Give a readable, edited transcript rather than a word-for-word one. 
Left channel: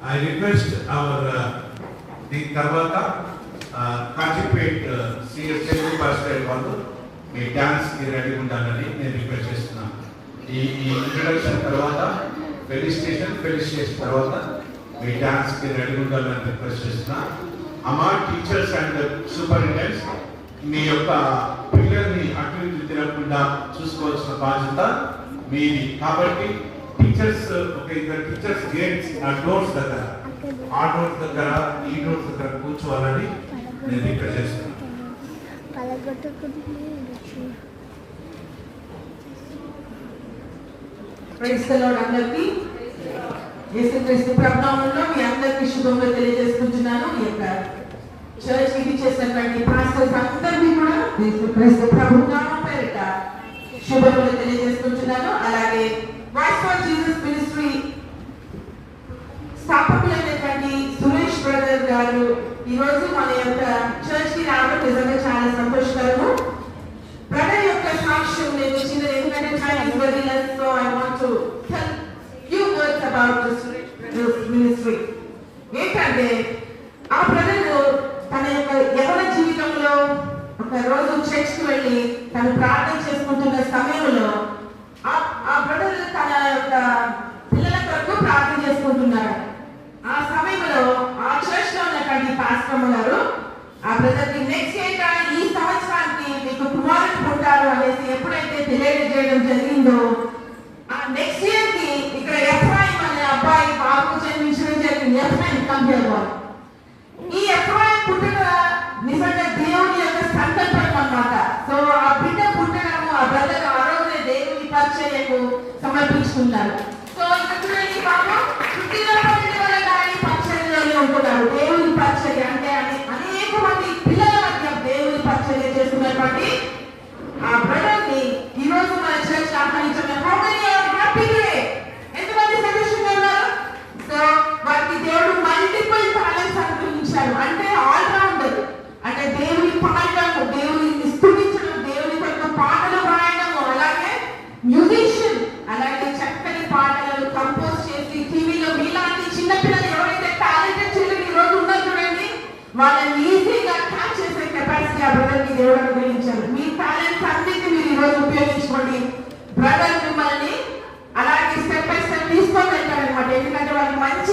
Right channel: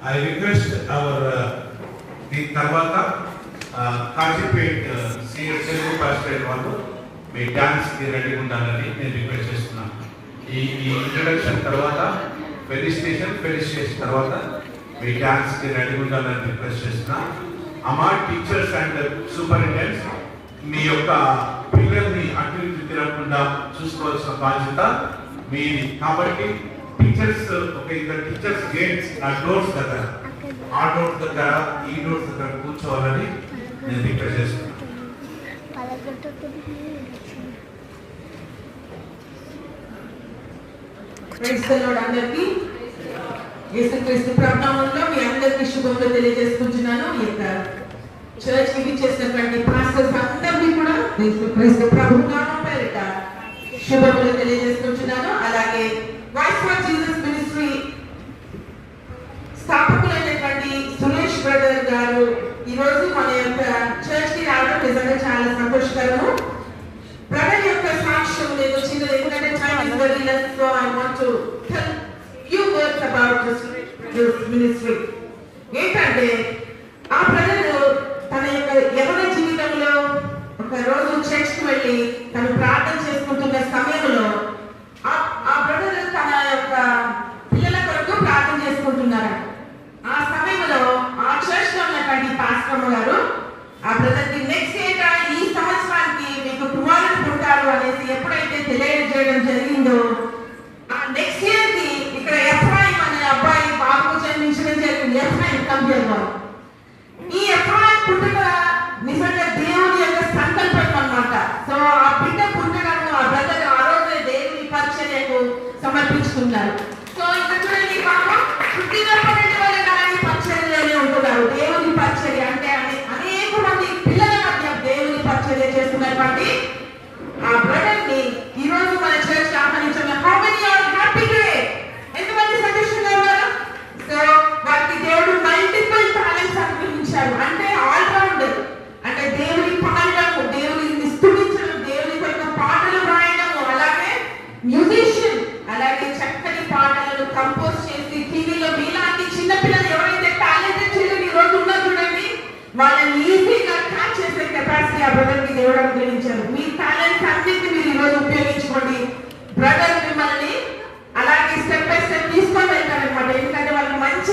I request our the తర్వాత Kazipet CM Telugu pastor వాళ్ళు మీ dance కి రెడీ ఉండాలని నేను రిక్వెస్ట్ చేస్తున్నాను. ఈ ఇంట్రడక్షన్ తర్వాత ఫెలిసిటేషన్ తర్వాత మీ డాన్స్ కి రెడీ ఉండాలని రిక్వెస్ట్ చేస్తున్నా. అమ్మా టీచర్స్ అండ్ సూపరింటెండెంట్స్ మీ యొక్క పిల్లల్ని అటు ఇటు తిరగకుండా చూసుకోవాల్సిన బాధ్యత మీది. కాబట్టి టీచర్స్ ఒక ఇద్దరు టీచర్స్ గేట్స్ ఆ డోర్స్ దగ్గర ఈ డోర్స్ దగ్గర కూర్చోవాలని నేను రిక్వెస్ట్ చేస్తున్నాను. అందరికీ యేసుక్రీస్తు ప్రభునామంలో మీ అందరికీ శుభములు తెలియజేసుకుంటున్నాను. ఈ యొక్క చర్చ్ కి చేసినటువంటి పాస్టర్స్ అందరికీ కూడా యేసుక్రీస్తు ప్రభునామం పేరిట శుభములు తెలియజేసుకుంటున్నాను. అలాగే వాయిస్ ఫర్ జీసస్ మినిస్ట్రీ స్థాపకులైనటువంటి సురేష్ బ్రదర్ గారు ఈ రోజు మన యొక్క చర్చ్ కి రావడం నిజంగా చాలా సంతోషకరము. బ్రదర్ యొక్క సాక్ష్యం నేను చిన్న ఎందుకంటే so I want to tell few words about the Suresh Brothers ministry. ఏంటంటే ఆ బ్రదర్ తన యొక్క యవన జీవితంలో ఒక రోజు చర్చ్ కి వెళ్ళి తను ప్రార్థన చేసుకుంటున్న సమయంలో ఆ బ్రదర్ తన యొక్క పిల్లల కొరకు ప్రార్థన చేసుకుంటున్నారు. ఆ సమయంలో ఆ చర్చ్ లో ఉన్నటువంటి పాస్టర్ గారు ఆ బ్రదర్ కి నెక్స్ట్ ఇయర్ ఈ సంవత్సరానికి మీకు కుమారుడు పుట్టారు అనేసి ఎప్పుడైతే తెలియజేయడం జరిగిందో ఆ నెక్స్ట్ ఇయర్ కి ఇక్కడ ఎఫ్రాయిం అనే అబ్బాయి బాబుకు జన్మించడం జరిగింది. ఎఫ్రాయిం కంపేర్ ఈ ఎఫ్రాయిం పుట్టుక నిజంగా దేవుని యొక్క సంకల్పం అన్నమాట. సో ఆ బిడ్డ పుట్టడము ఆ బ్రదర్ ఆ రోజే దేవుని పరిచర్యకు సమర్పించుకుంటారు. సో ఇక్కడ చూడండి బాబు పుట్టినప్పటి వల్ల కానీ పరిచర్యలోనే ఉంటున్నారు. దేవుని పరిచర్య అంటే అనేక మంది పిల్లల మధ్య దేవుని పరిచర్య చేస్తున్నటువంటి ఆ బ్రదర్ ని ఈ రోజు మన చర్చ్ ఆహ్వానించడం ఎంతమంది సంతోషంగా ఉన్నారు. సో వారికి దేవుడు మల్టిపుల్ టాలెంట్స్ అనుగ్రహించారు. అంటే ఆల్రౌండర్ అంటే దేవుని పాడము, దేవుని స్తుతించడం, దేవుని యొక్క పాటలు రాయడము, అలాగే మ్యూజిషియన్, అలాగే చక్కని పాటలను కంపోజ్ చేసి టీవీలో మీలాంటి చిన్నపిల్లలు ఎవరైతే టాలెంటెడ్ చిల్డ్రన్ ఈ రోజు ఉన్నారు చూడండి వాళ్ళని ఈజీగా క్యాచ్ చేసే కెపాసిటీ ఆ బ్రదర్కి దేవుడు అనుగ్రహించారు. మీ టాలెంట్స్ అన్నింటినీ మీరు ఈ రోజు ఉపయోగించుకోండి. బ్రదర్ మిమ్మల్ని అలాగే స్టెప్ బై స్టెప్ తీసుకొని వెళ్తారనమాట. ఎందుకంటే వాళ్ళకి మంచి